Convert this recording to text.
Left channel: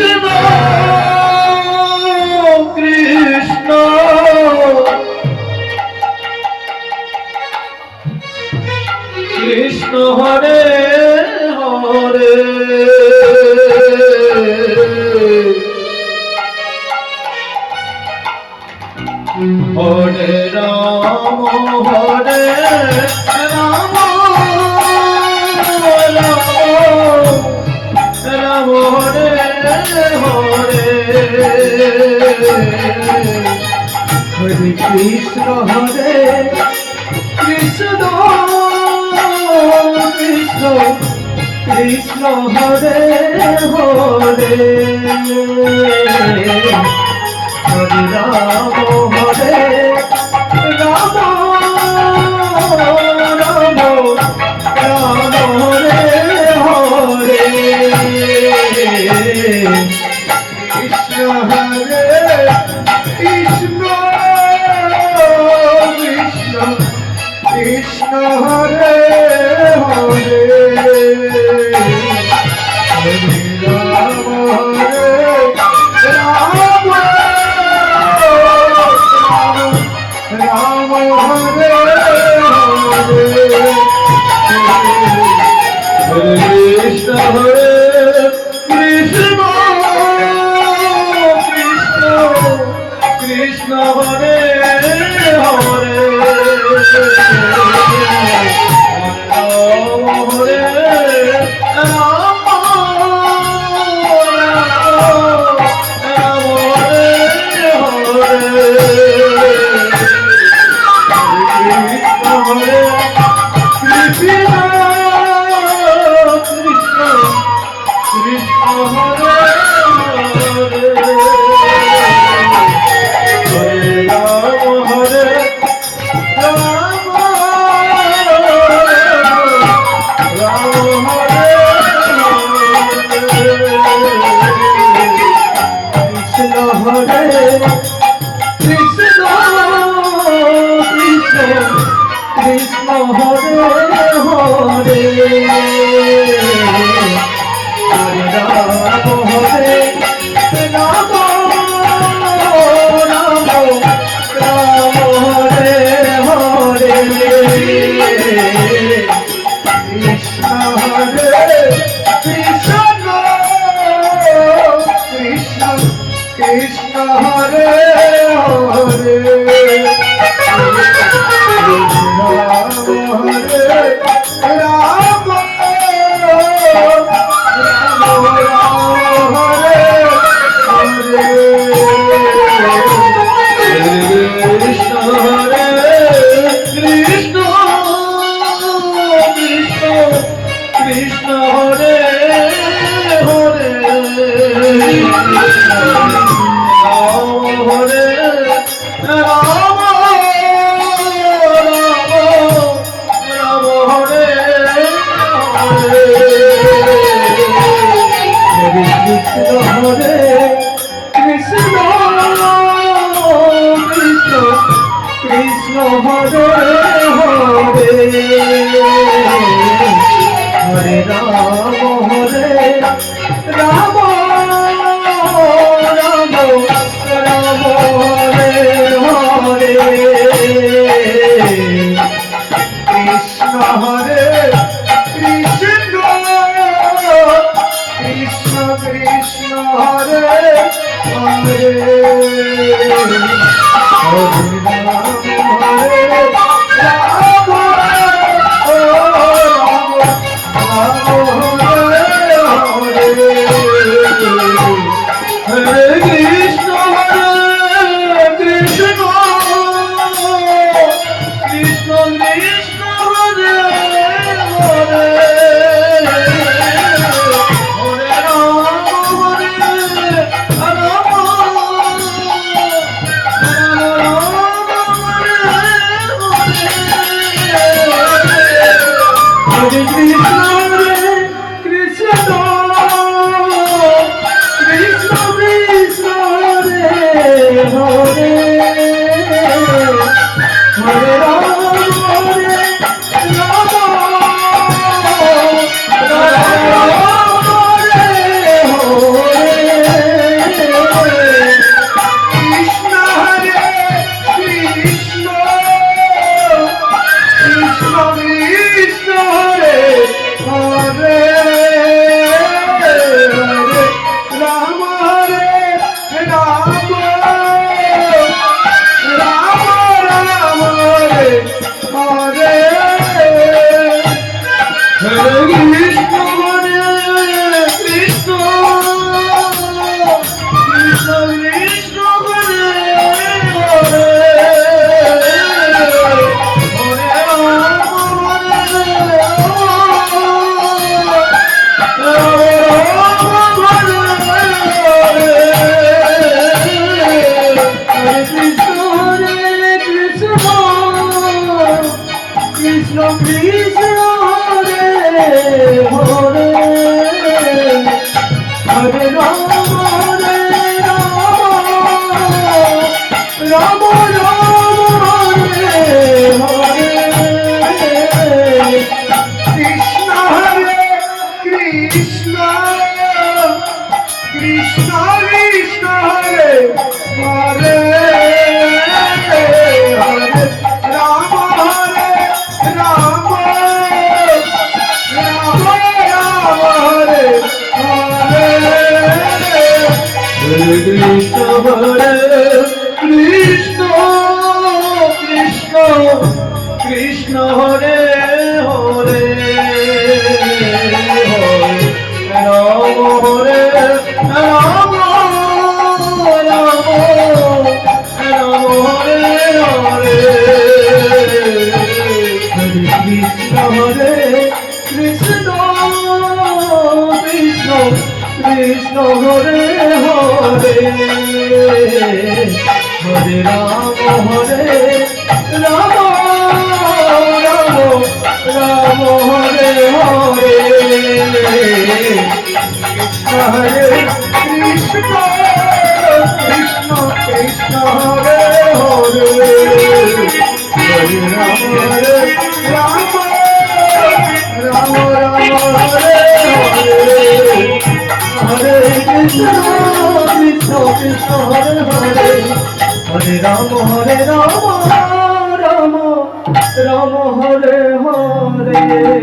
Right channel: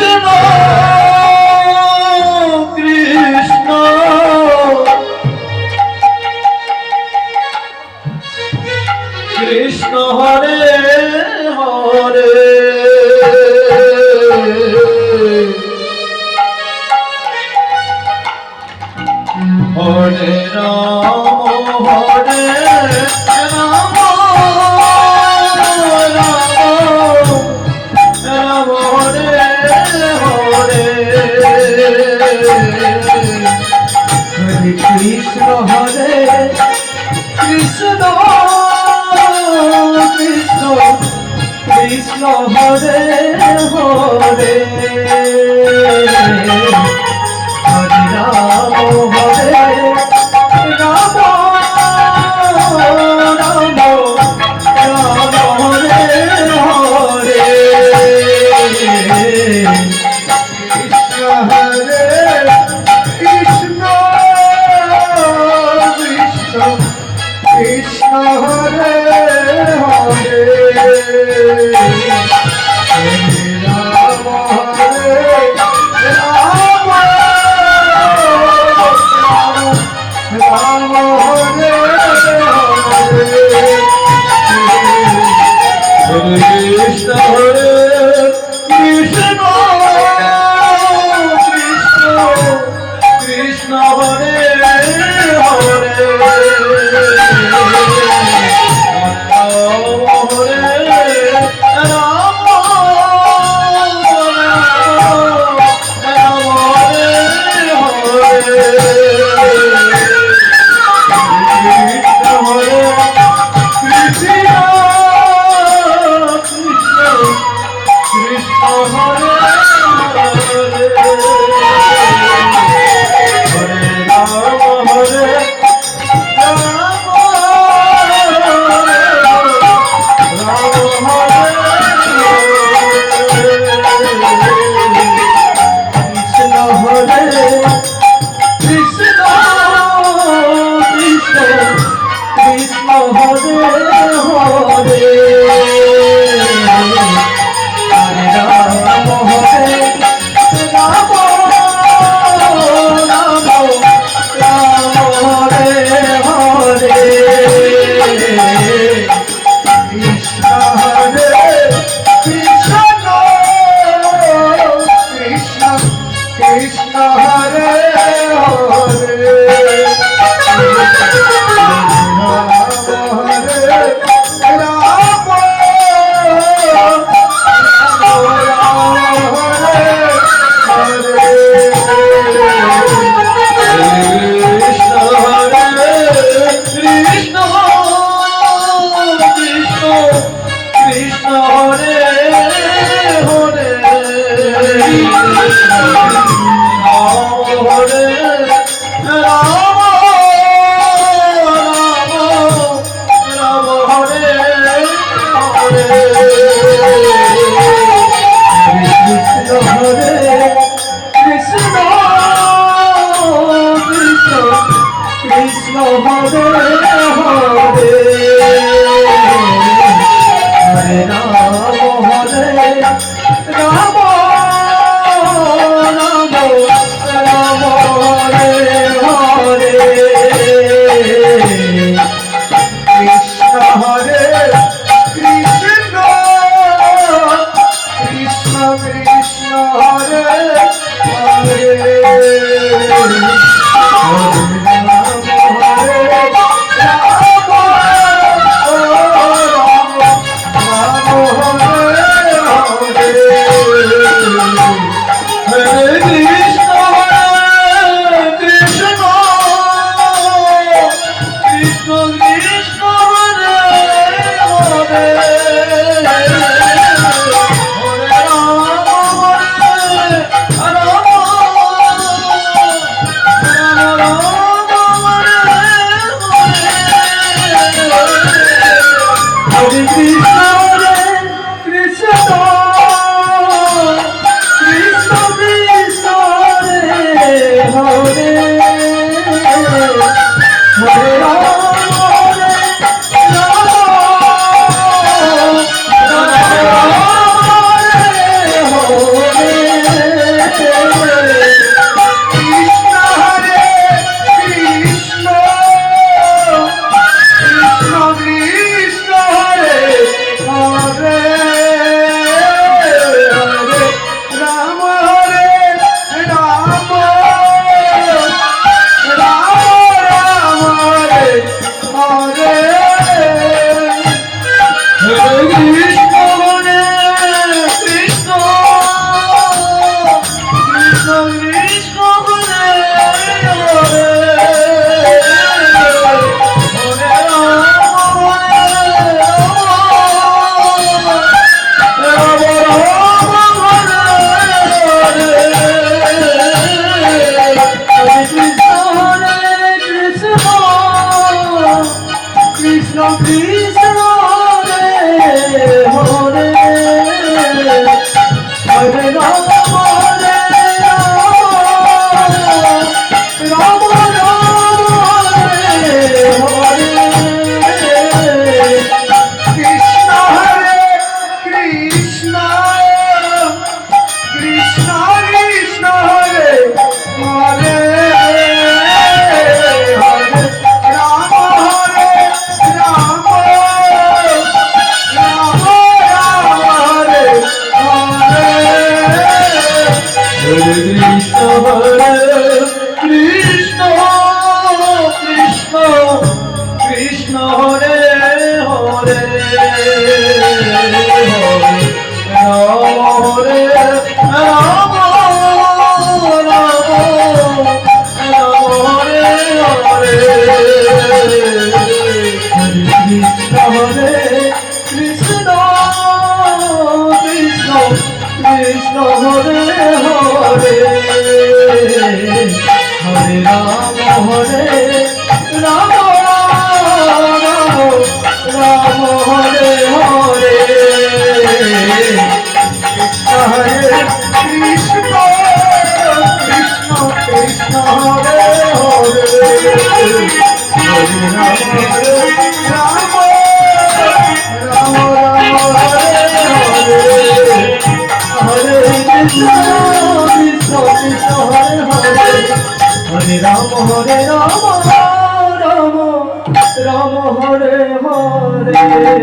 Krishna Krishna Krishna Hare Hare Hare Ram Hare Ram Ram Hare Hare Hare Krishna Hare Krishna Krishna Krishna Hare Hare Hare Ram Hare Ram Ram Ram Hare Hare Krishna Hare Krishna Krishna Krishna Hare Hare Hare Ram Hare Ram Ram Hare Hare Hare Krishna Hare Krishna Krishna Krishna Hare Hare Hare Ram Hare Ram Ram Ram Hare Hare Krishna Hare Krishna Krishna Krishna Hare Hare Hare Ram Hare Ram Ram Ram Hare Hare Hare Krishna Hare Krishna Krishna Krishna Hare Hare Ram Hare Ram Ram Ram Hare Hare Krishna Hare Krishna Krishna Krishna Hare Hare Hare Ram Hare Ram Ram Hare Hare Krishna Hare Krishna Krishna Krishna Hare Hare Hare Ram Hare Ram Ram Ram Hare Hare Hare Krishna Krishna Krishna Hare Hare Hare Ram Hare Ram Ram Ram Hare Hare